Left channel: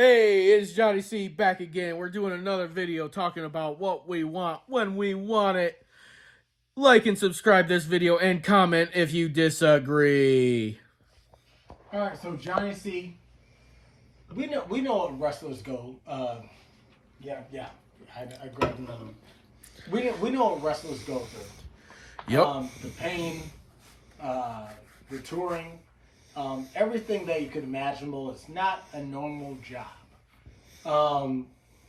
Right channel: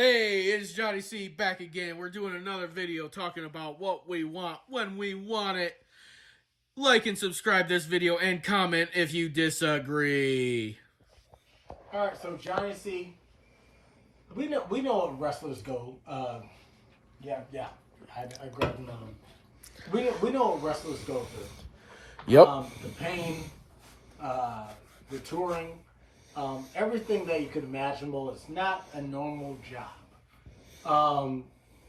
Hey, it's Johnny C back again. We're doing another video talking about what we want when we want it. Like and subscribe this video and comment if you disagree. All right, so Johnny C, we know what wrestlers go. Yeah, I grabbed another one. We know what wrestlers go through. Yep. The pain, the touring, everything that you could imaginable. It's not a normal job.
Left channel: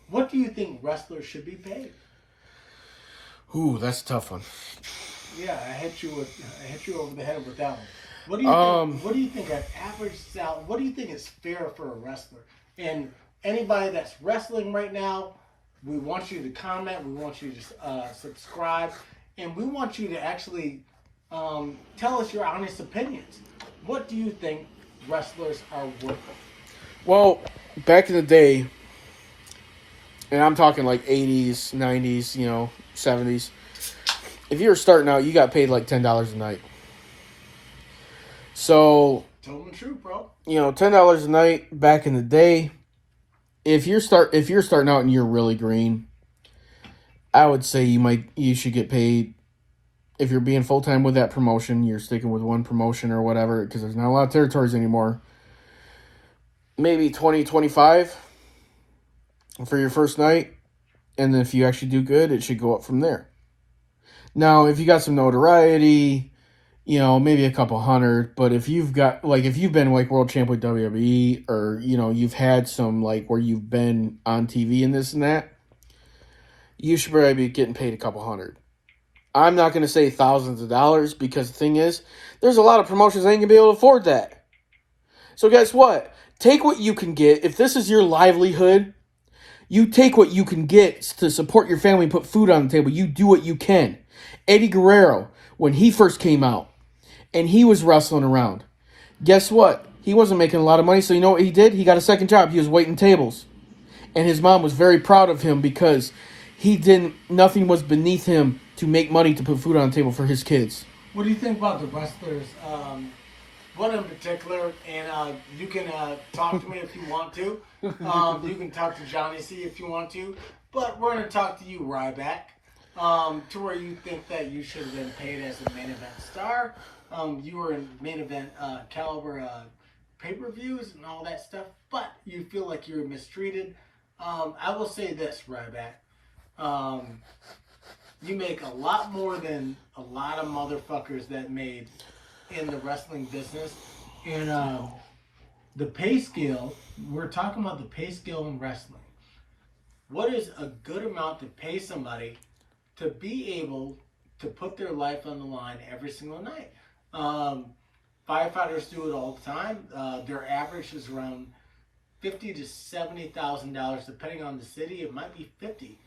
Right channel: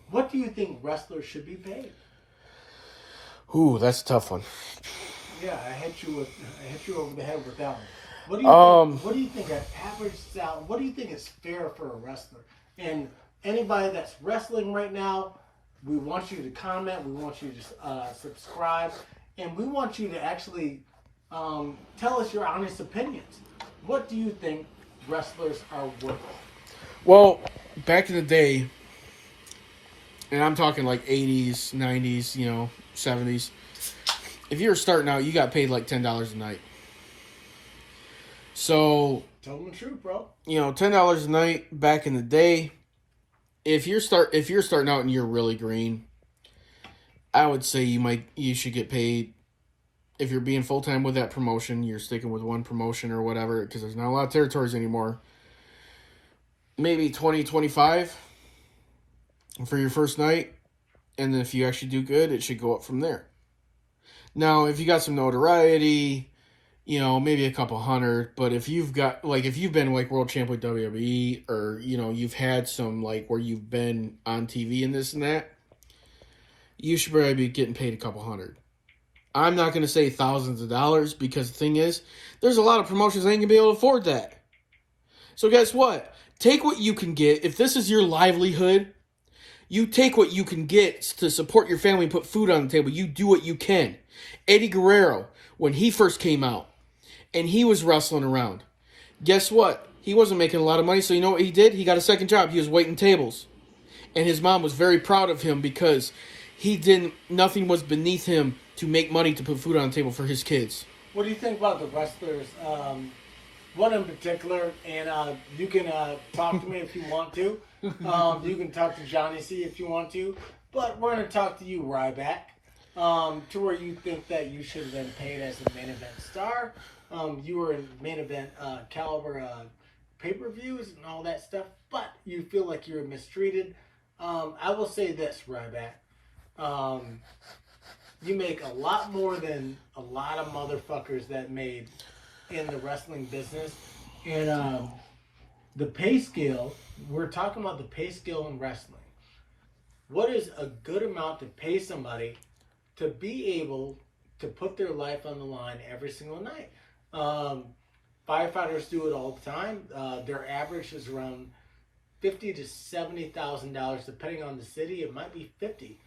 What do you think wrestlers should be paid? Ooh, that's a tough one. Yeah, I hit you over the head with that one. What do you think? What do you think an average salary? What do you think is fair for a wrestler? And anybody that's wrestling right now, we want you to comment. We want you to subscribe, and we want you to actually tell us your honest opinions. What do you think wrestlers are worth? Well, back in the day, and I'm talking like 80s, 90s, 70s. If you were starting out, you got paid like $10 a night. So, Tell them the truth, bro. $10 a night back in the day. If you're starting out and you're really green, I would say you should get paid. If you're being full time with that promotion, you're sticking with one promotion or whatever, because there's not a lot of territories anymore. Maybe 20, 25 for your first night, and then if you actually do good, it should go up from there. Now, if you got some notoriety, maybe a couple hundred, but if you've been like world champ with WWE, or, you've had some where you've been on TV and this and that, you should probably be getting paid a couple hundred. I'm not going to say thousands of dollars, because the thing is, there's a lot of promotions that ain't going to be able to afford that. So guess what? Take what you can get. If this is your livelihood, you take what you can get to support your family and put food on the table. You do what you can. Eddie Guerrero, when he first came out and he was wrestling around, guess what? He wasn't making a lot of money, so you know what he did? He got a second job. He was waiting tables. And his mom was very proud of him, because nothing was beneath him to make money to put food on the table for his kids. What do you think about the wrestlers? One in particular, and you can talk to me if you want to. You can talk to Johnny C if you want to. But we're going to talk to you, Ryback, to where you think that you should have been paid as a main event star. You were in main event caliber pay-per-views and all that stuff, but you feel like you were mistreated. I will say this, Ryback. You make a lot more than a lot of motherfuckers that made in the wrestling business. And the pay scale, we're talking about the pay scale in wrestling. What is a good amount to pay somebody to be able to put their life on the line every single night? Firefighters do it all the time. Their average is around $50,000 to $70,000, depending on the city. It might be 50.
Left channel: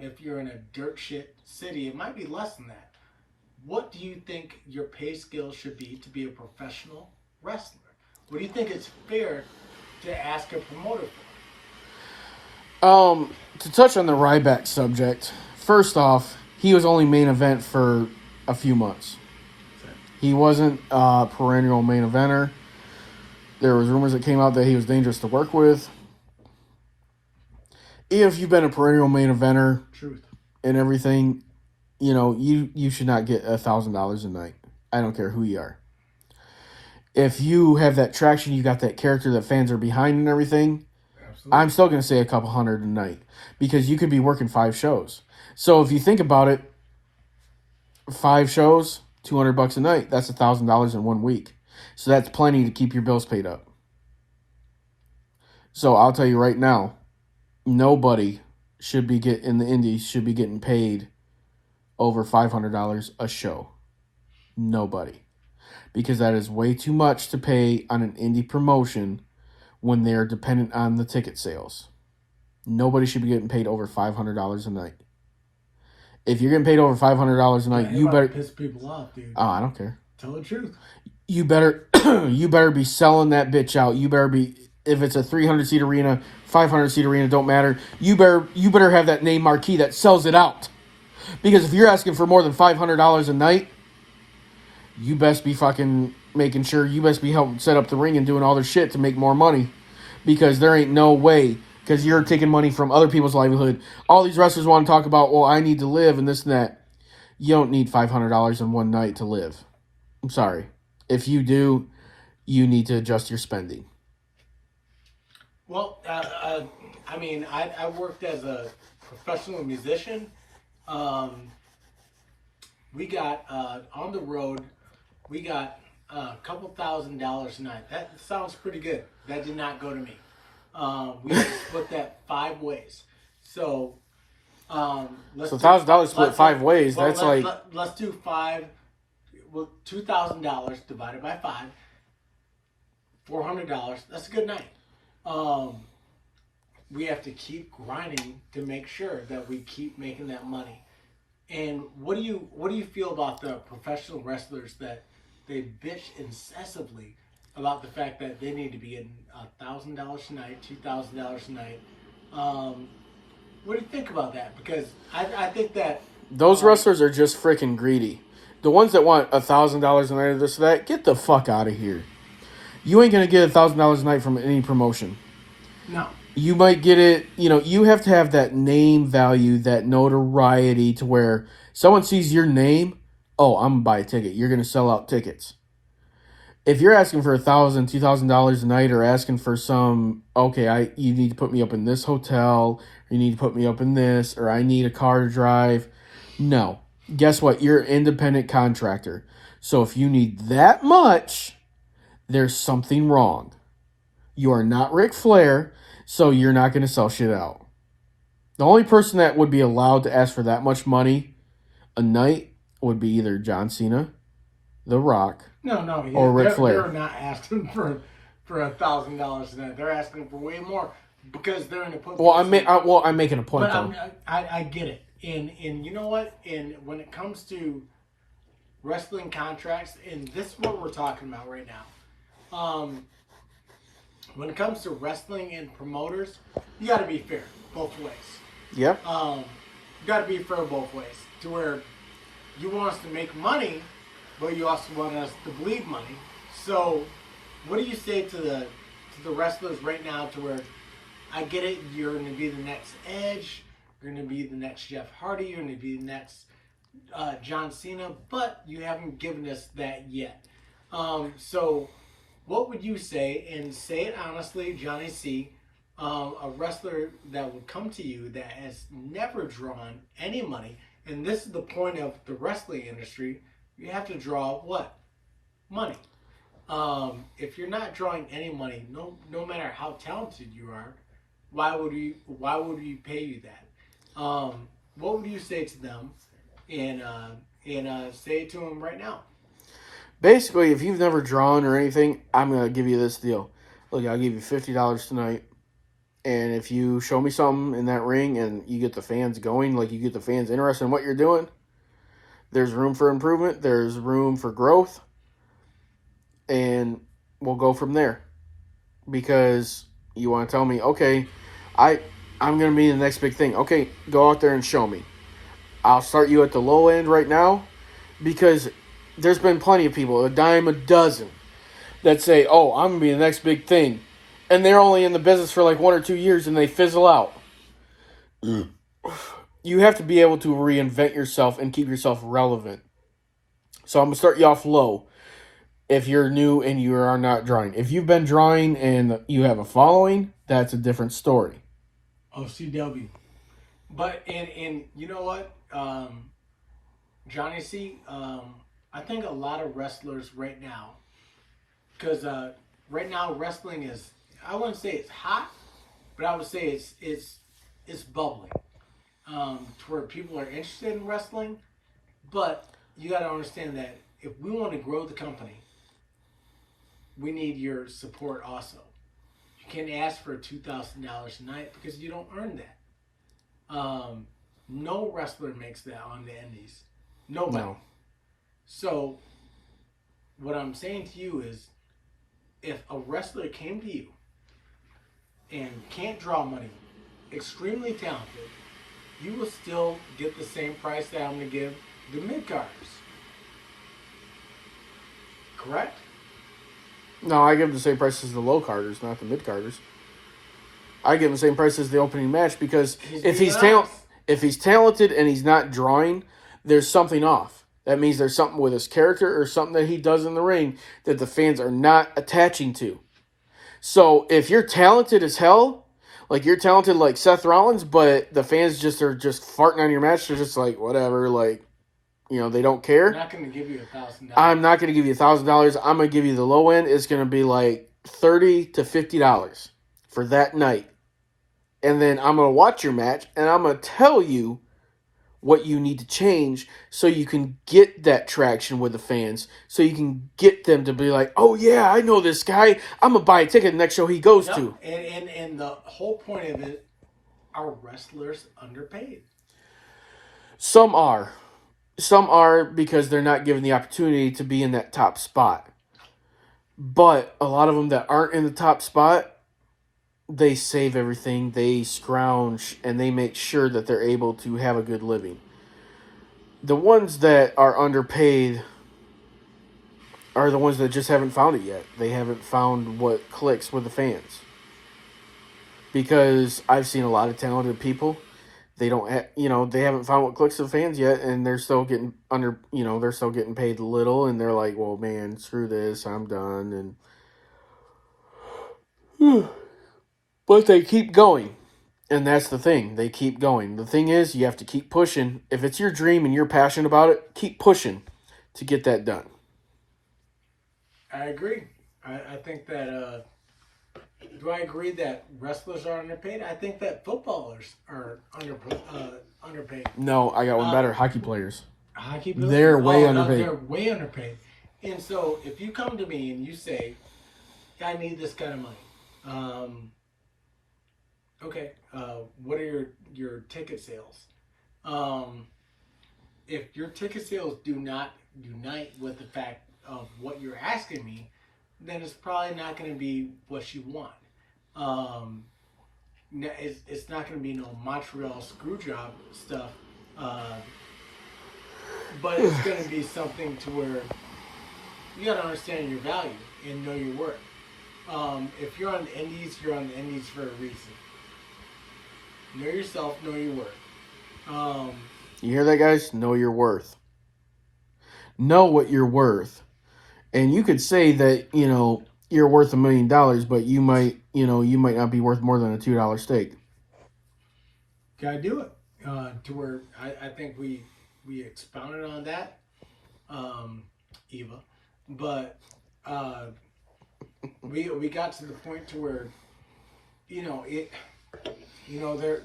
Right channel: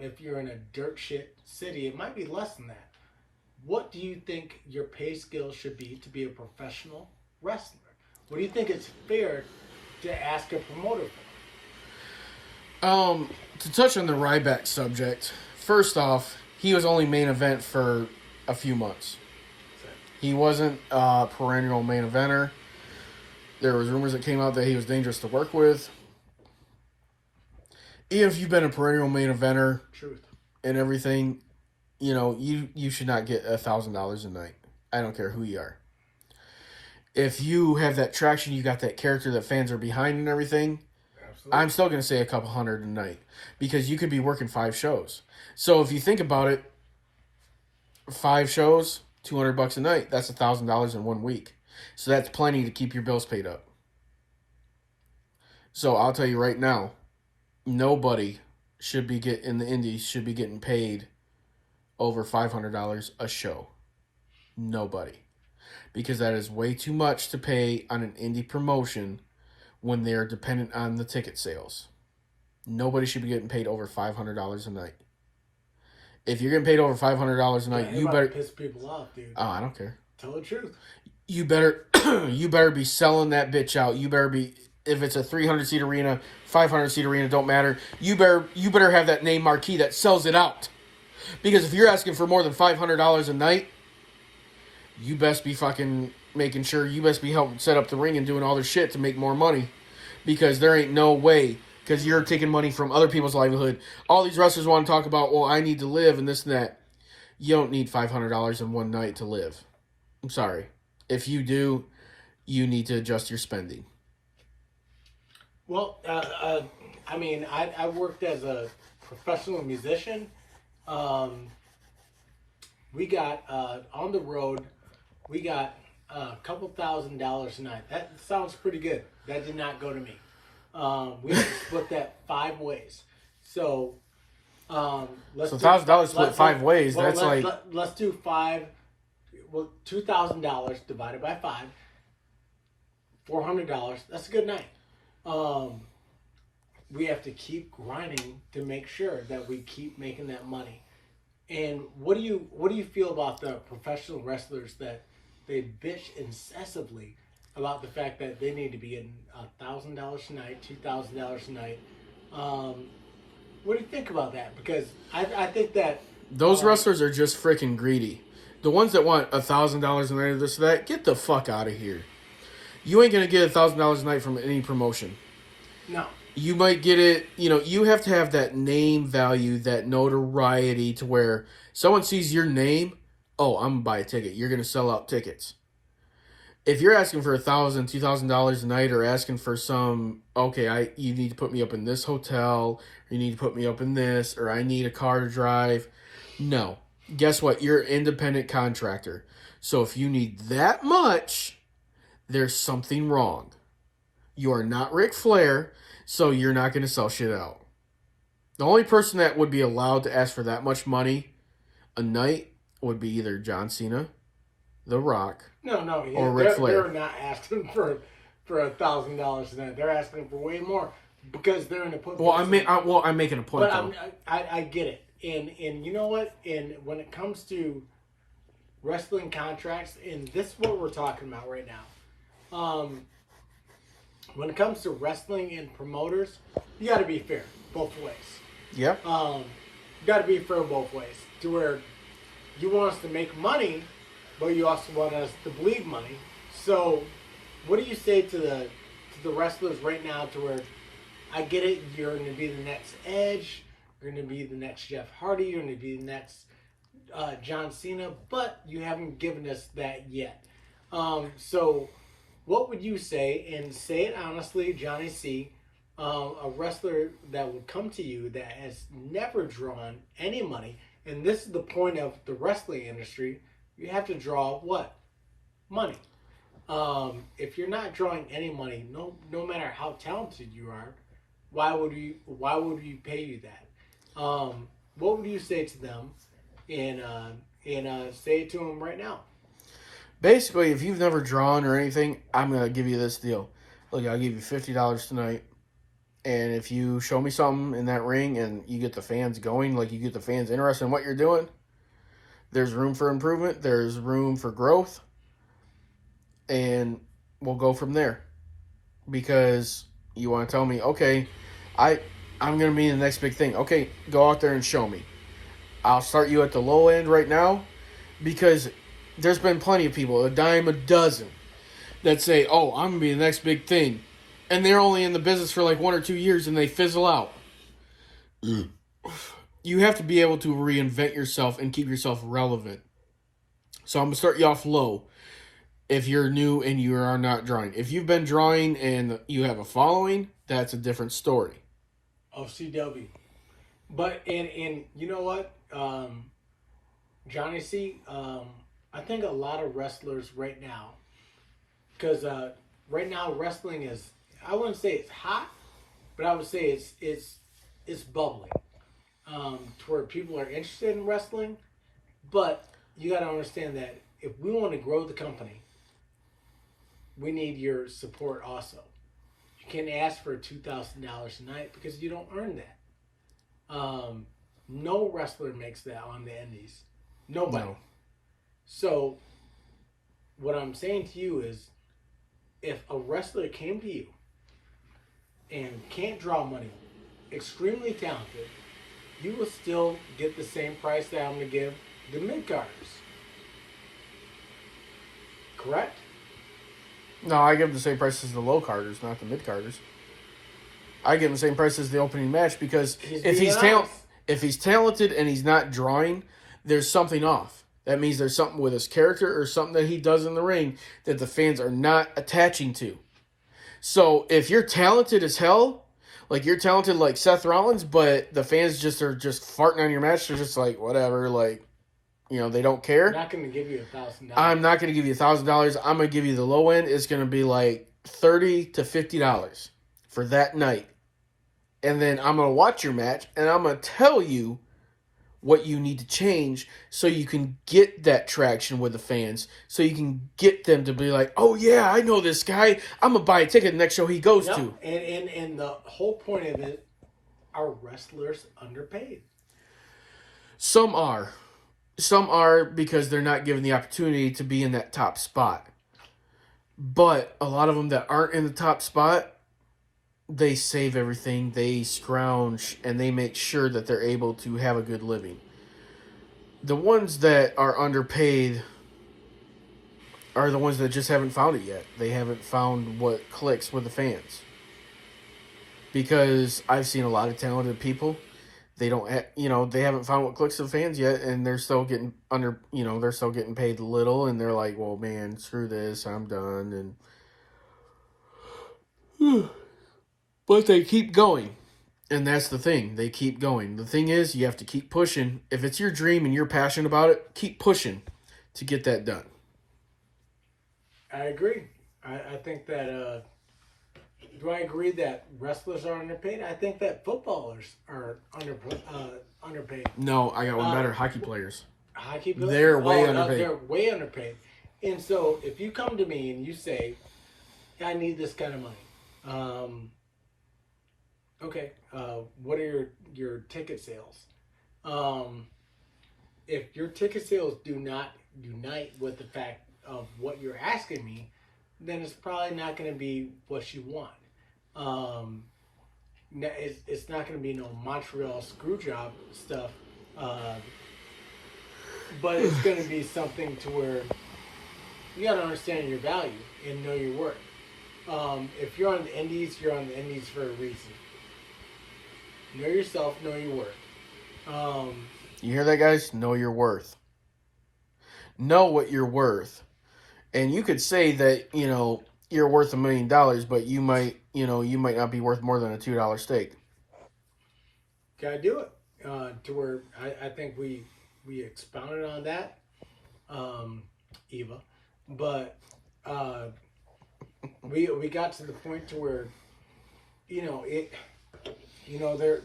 If you're in a dirt shit city, it might be less than that. What do you think your pay scale should be to be a professional wrestler? What do you think it's fair to ask a promoter for? To touch on the Ryback subject, first off, he was only main event for a few months. He wasn't a perennial main eventer. There was rumors that came out that he was dangerous to work with. If you've been a perennial main eventer and everything, you should not get $1,000 a night. I don't care who you are. If you have that traction, you got that character that fans are behind and everything, absolutely, I'm still going to say a couple hundred a night, because you could be working 5 shows. So if you think about it, 5 shows, $200 a night, that's $1,000 in 1 week. So that's plenty to keep your bills paid up. So I'll tell you right now, nobody in the indies should be getting paid over $500 a show. Nobody. Because that is way too much to pay on an indie promotion when they're dependent on the ticket sales. Nobody should be getting paid over $500 a night. If you're getting paid over $500 a night, you better piss people off, dude. Oh, I don't care. Tell the truth. You better be selling that bitch out. You better be, if it's a 300-seat arena, 500-seat arena, don't matter. You better have that name marquee that sells it out. Because if you're asking for more than $500 a night, you best be fucking making sure, you best be helping set up the ring and doing all their shit to make more money. because there ain't no way, because you're taking money from other people's livelihood. All these wrestlers want to talk about, well, I need to live and this and that. You don't need $500 in one night to live. I'm sorry. If you do, you need to adjust your spending. Well, I mean, I worked as a professional musician. We got on the road. We got a couple $1,000s a night. That sounds pretty good. That did not go to me. We split that 5 ways. So, let's So $1,000 split 5 ways. Well, That's like let's do 5. Well, $2,000 divided by 5. $400. That's a good night. We have to keep grinding to make sure that we keep making that money. And what do you feel about the professional wrestlers that they bitch incessantly about the fact that they need to be in $1,000 a night, $2,000 a night? What do you think about that? Because I think that those wrestlers are just freaking greedy. The ones that want $1,000 a night or this or that, get the fuck out of here. You ain't gonna get $1,000 a night from any promotion. no. You might get it, you have to have that name value, that notoriety to where someone sees your name, oh, I'm going to buy a ticket. You're going to sell out tickets. If you're asking for $1,000, $2,000 a night or asking for some, okay, you need to put me up in this hotel, or you need to put me up in this, or I need a car to drive. No. Guess what? You're an independent contractor. So if you need that much, there's something wrong. You are not Ric Flair. So you're not going to sell shit out. The only person that would be allowed to ask for that much money a night would be either John Cena, The Rock, or Ric Flair. They're not asking for $1,000 a night. They're asking for way more because they're in a position. I'm making a point though. I get it, and you know what? And when it comes to wrestling contracts, and this is what we're talking about right now. When it comes to wrestling and promoters, you got to be fair both ways. Yep. You got to be fair both ways. To where you want us to make money, but you also want us to bleed money. So, what do you say to the wrestlers right now? To where I get it, you're going to be the next Edge, you're going to be the next Jeff Hardy, you're going to be the next John Cena, but you haven't given us that yet. So. What would you say, and say it honestly, Johnny C., a wrestler that will come to you that has never drawn any money, and this is the point of the wrestling industry, you have to draw what? Money. If you're not drawing any money, no matter how talented you are, why would we pay you that? What would you say to them, and say it to them right now? Basically, if you've never drawn or anything, I'm going to give you this deal. Look, I'll give you $50 tonight. And if you show me something in that ring and you get the fans going, like you get the fans interested in what you're doing, there's room for improvement. There's room for growth. And we'll go from there. Because you want to tell me, okay, I'm going to be the next big thing. Okay, go out there and show me. I'll start you at the low end right now. Because there's been plenty of people, a dime a dozen, that say, oh, I'm going to be the next big thing. And they're only in the business for like 1 or 2 years and they fizzle out. You have to be able to reinvent yourself and keep yourself relevant. So I'm going to start you off low if you're new and you are not drawing. If you've been drawing and you have a following, that's a different story. CW. But, and you know what? Johnny C., I think a lot of wrestlers right now, because right now wrestling is, I wouldn't say it's hot, but I would say it's bubbling. To where people are interested in wrestling, but you got to understand that if we want to grow the company, we need your support also. You can't ask for $2,000 a night because you don't earn that. No wrestler makes that on the indies. Nobody. No. So, what I'm saying to you is, if a wrestler came to you and can't draw money, extremely talented, you will still get the same price that I'm going to give the mid-carders. Correct? No, I give the same price as the low-carders, not the mid-carders. I give him the same price as the opening match because He's if being honest. if he's talented and he's not drawing, there's something off. That means there's something with his character or something that he does in the ring that the fans are not attaching to. So if you're talented as hell, like you're talented like Seth Rollins, but the fans are just farting on your match, they're just like, whatever, like, they don't care. I'm not going to give you $1,000. I'm not going to give you $1,000. I'm going to give you the low end. It's going to be like $30 to $50 for that night. And then I'm going to watch your match, and I'm going to tell you what you need to change so you can get that traction with the fans, so you can get them to be like, oh, yeah, I know this guy. I'm going to buy a ticket the next show he goes to. And the whole point of it, are wrestlers underpaid? Some are. Some are because they're not given the opportunity to be in that top spot. But a lot of them that aren't in the top spot, they save everything, they scrounge, and they make sure that they're able to have a good living. The ones that are underpaid are the ones that just haven't found it yet. They haven't found what clicks with the fans. Because I've seen a lot of talented people, they don't they haven't found what clicks with the fans yet, and they're still getting they're still getting paid little, and they're like, well, man, screw this, I'm done, and but they keep going. And that's the thing. They keep going. The thing is, you have to keep pushing. If it's your dream and you're passionate about it, keep pushing to get that done. I agree. I think that, do I agree that wrestlers are underpaid? I think that footballers are underpaid. No, I got one better. Hockey players. Hockey players? They're way underpaid. They're way underpaid. And so if you come to me and you say, I need this kind of money, okay, what are your ticket sales? If your ticket sales do not unite with the fact of what you're asking me, then it's probably not going to be what you want. It's not going to be no Montreal Screwjob stuff, but it's going to be something to where you got to understand your value and know your worth. If you're on the indies, you're on the indies for a reason. Know yourself, know your worth. You hear that, guys? Know your worth. Know what you're worth. And you could say that, you're worth $1 million, but you might not be worth more than a $2 steak. Gotta do it. To where I think we expounded on that, Eva. But we got to the point to where,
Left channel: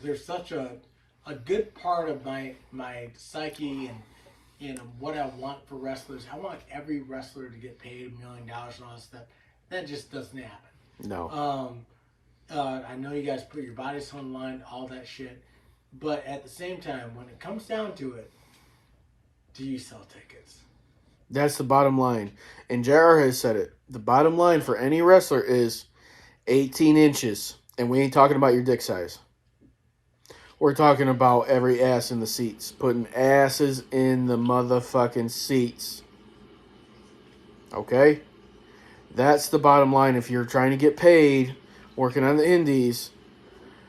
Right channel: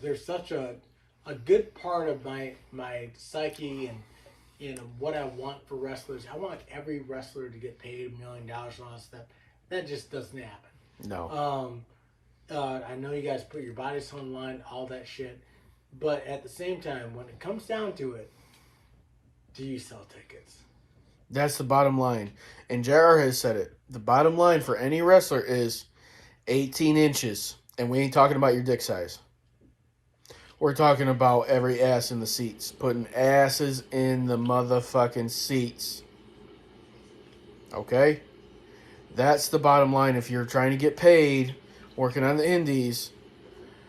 there's such a good part of my psyche and what I want for wrestlers. I want every wrestler to get paid $1 million and all that stuff. That just doesn't happen. No. I know you guys put your bodies on the line, all that shit. But at the same time, when it comes down to it, do you sell tickets? That's the bottom line. And JR has said it. The bottom line for any wrestler is 18 inches. And we ain't talking about your dick size. We're talking about every ass in the seats. Putting asses in the motherfucking seats. Okay? That's the bottom line. If you're trying to get paid, working on the indies,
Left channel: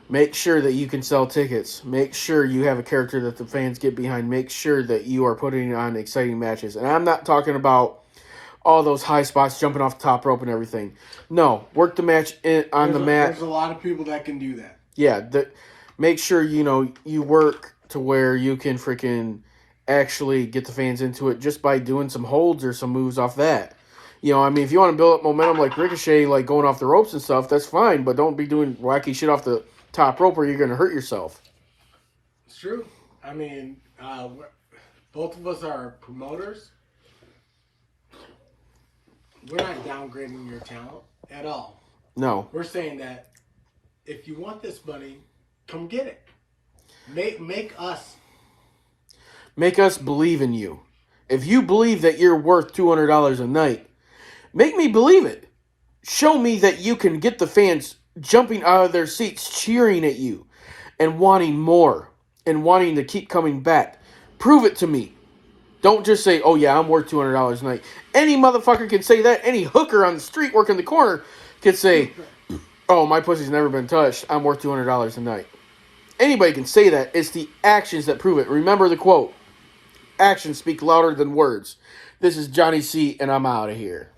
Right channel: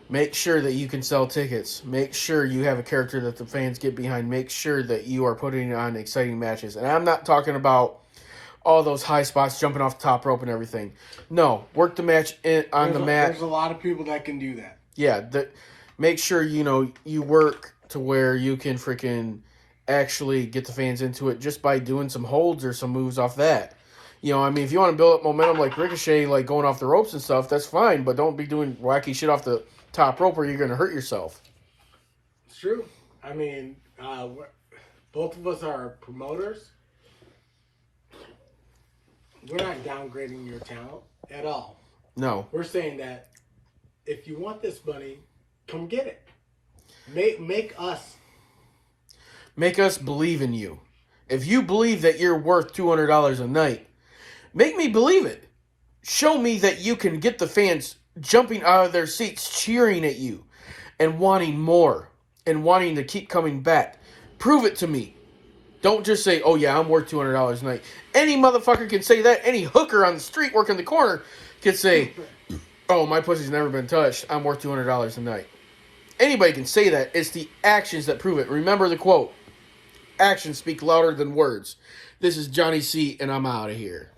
make sure that you can sell tickets. Make sure you have a character that the fans get behind. Make sure that you are putting on exciting matches. And I'm not talking about all those high spots, jumping off the top rope and everything. No, work the match on the mat. There's a lot of people that can do that. Yeah, make sure, you work to where you can freaking actually get the fans into it just by doing some holds or some moves off that. If you want to build up momentum like Ricochet, like going off the ropes and stuff, that's fine. But don't be doing wacky shit off the top rope or you're going to hurt yourself. It's true. I mean, both of us are promoters. We're not downgrading your talent at all. No. We're saying that if you want this money, come get it. Make us believe in you. If you believe that you're worth $200 a night, make me believe it. Show me that you can get the fans jumping out of their seats, cheering at you, and wanting more, and wanting to keep coming back. Prove it to me. Don't just say, oh yeah, I'm worth $200 a night. Any motherfucker can say that. Any hooker on the street working the corner can say, oh, my pussy's never been touched, I'm worth $200 a night. Anybody can say that. It's the actions that prove it. Remember the quote. Actions speak louder than words. This is Johnny C, and I'm out of here.